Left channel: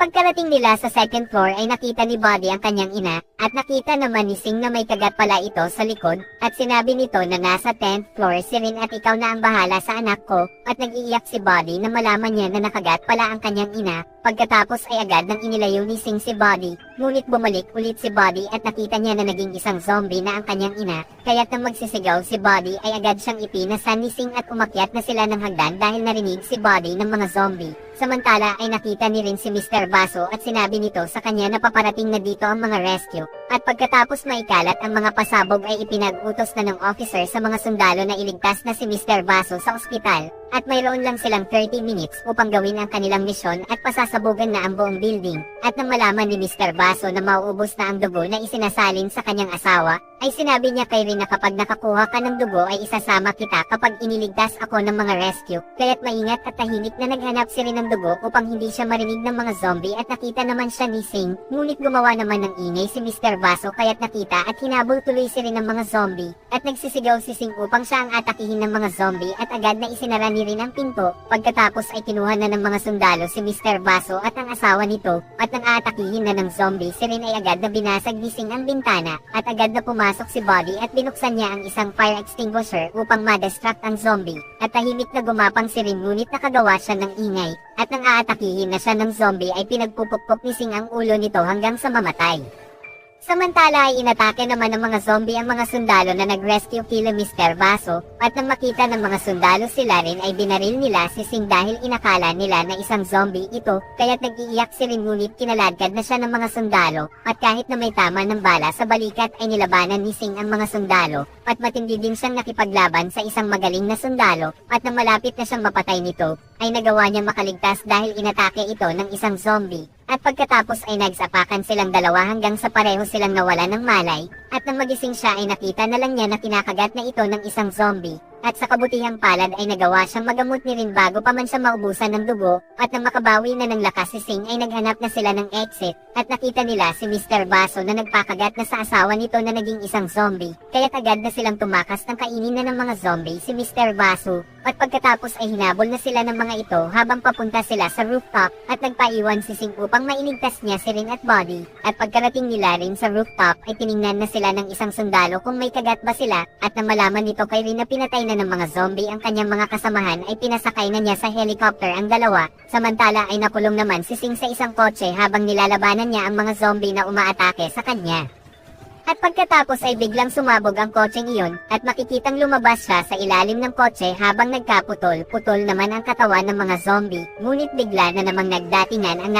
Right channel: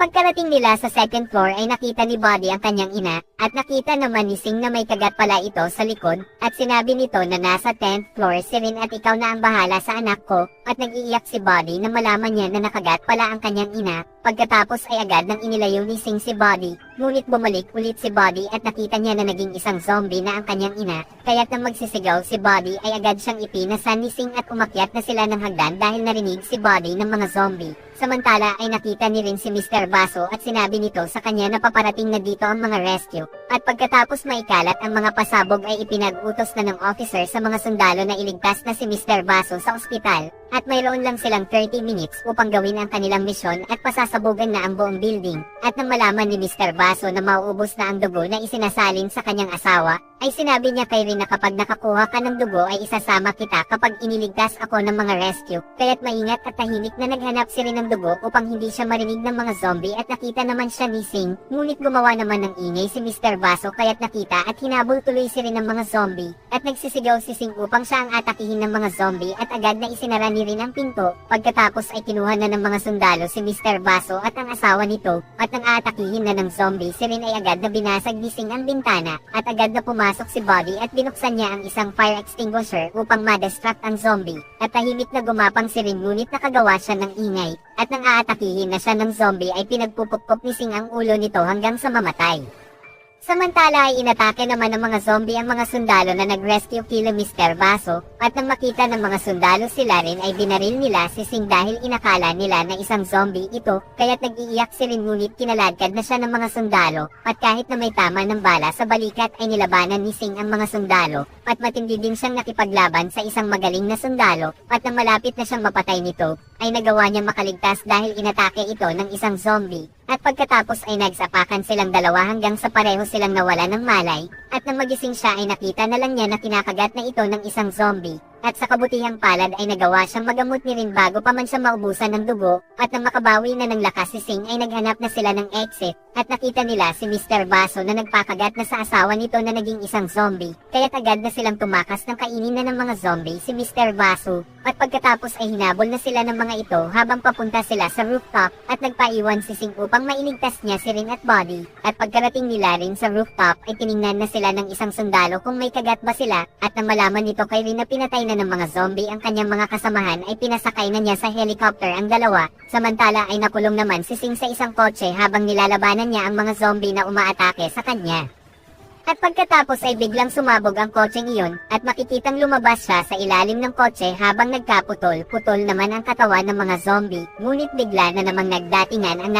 pagkarating nila sa second floor ay nakita ni Bobby ang kanyang ina at nakita naman ni Sing na may kagat pala ito sa likod at sinabi nito na nasa 10th floor si Rin at ikaw na ang bahala sa anak ko at nag-iiyak si Bobby na malaman niya na nakagat pala ang kanyang ina. Pagkatapos ay agad nang inilayo ni Sing si Bobby. Ngunit bumalik ulit si Bobby at nakita niya na naging isang zombie na ang kanyang ina. Kaya't nang magsisigaw si Bobby ay agad siyang ipinasan ni Sing at umakyat na sila ng hagdan dahil narinig si Bobby ng mga zombie. Samantala ay nakita ni Rin si Mr. Baso at sinabi nito sa kanya na paparating na dito ang mga rescue. At pagkatapos maikalat ang mga pasabog ay ipinag-utos na ng officer sa mga sundalo na iligtas na si Mr. Baso sa ospital. At mayroon lang silang 30 minutes upang gawin ang kanilang misyon at pasasabugin na ang buong building. At nang malaman ni Mr. Baso na mauubos na ang dugo na isinasalin sa kanyang asawa, ay sinabi niya kay Rin na kapag nakakuha ka ng dugo ay isasama kita kapag iniligtas ako ng mga rescue. Kaya't maingat at tahimik na naghanap si Rin ng dugo upang hindi siya marinig ng mga zombie at nakita naman siya ni Sing. Ngunit gumawa naman ng ingay si Mr. Baso kaya't nakita at hinabol tuloy si Rin ng mga zombie. At nagsisigaw si Sing upang siya ang atakihin ng mga zombie at agad na isinara ni Rin ang pinto. Pagkatapos ay kinuha na ng mga sundalo si Mr. Baso at ang asawa nito at nang aatakihin na ng zombie si Rin ay agad na binasag ni Sing ang bintana at agad na pumasok si Bobby at pinuksan niya ang isang fire extinguisher upang ma-distract ang zombie. At tahimik na gumapang si Rin ngunit nakagawa siya ng ingay. At nang aatakihin na siya ng zombie ay pinagpupukpok ni Sing ang ulo nito hanggang sa mamatay. Samantala ay inatake naman ng mga zombie ang mga sundalo na nag-rescue kila Mr. Baso at nang makita ng mga sundalo sila Rin ay binaril nila si Sing dahil inakala nila na isang zombie ito kaya't nag-iiyak si Rin ngunit kinaladkad na siya ng mga sundalo at kahit na may tama ng bala sa balikat ay nilabanan ni Sing ang mga sundalo at matindi din siyang nakipaglaban sa isang magaling na sundalo at nang malapit na siyang mapatay nito ay nagawa niya makaligtas dahil inatake ito ng isang zombie. At pagkatapos ay nagsapakan silang dalawa hanggang sa pareho silang nawala ng malay at nang magising siya ay nakita na lang niya na kinakagat na ito ng isang zombie. At sa kabutihang palad ay nagawa siyang magamot ni Rin bago pa man siya maubusan ng dugo at nang makabawi na ng lakas si Sing ay naghanap na sila ng exit at nakita nila si Mr. Baso na nagpakagat na sa asawa nito na naging isang zombie. Kaya agad na silang tumakas ng kainin na ng mga zombie si Mr. Baso at pagkatapos ay hinabol na sila ng mga ito habang papunta sila sa rooftop at nagpaiwan si Sing upang mailigtas niya si Rin at Bobby. At pagkarating nila Rin sa rooftop ay tiningnan na sila ng isang sundalo kung may kagat ba sila at nang malaman nito kay Rin na pinatay na ng mga zombie ang kanyang mga kasamahan ay pinasakay na niya sa helicopter ang dalawa. Samantala ay nakulong naman si Sing sa isang kotse habang nilalabanan niya ang mga zombie na umaatake sa kanya. At pagkatapos ay biglang sumabog ang kotse niyon at makikitang lumabas siya sa ilalim ng kotse habang nagkaputol-putol naman ang katawan ng mga zombie. Ngunit bigla na namang nagdatingan ang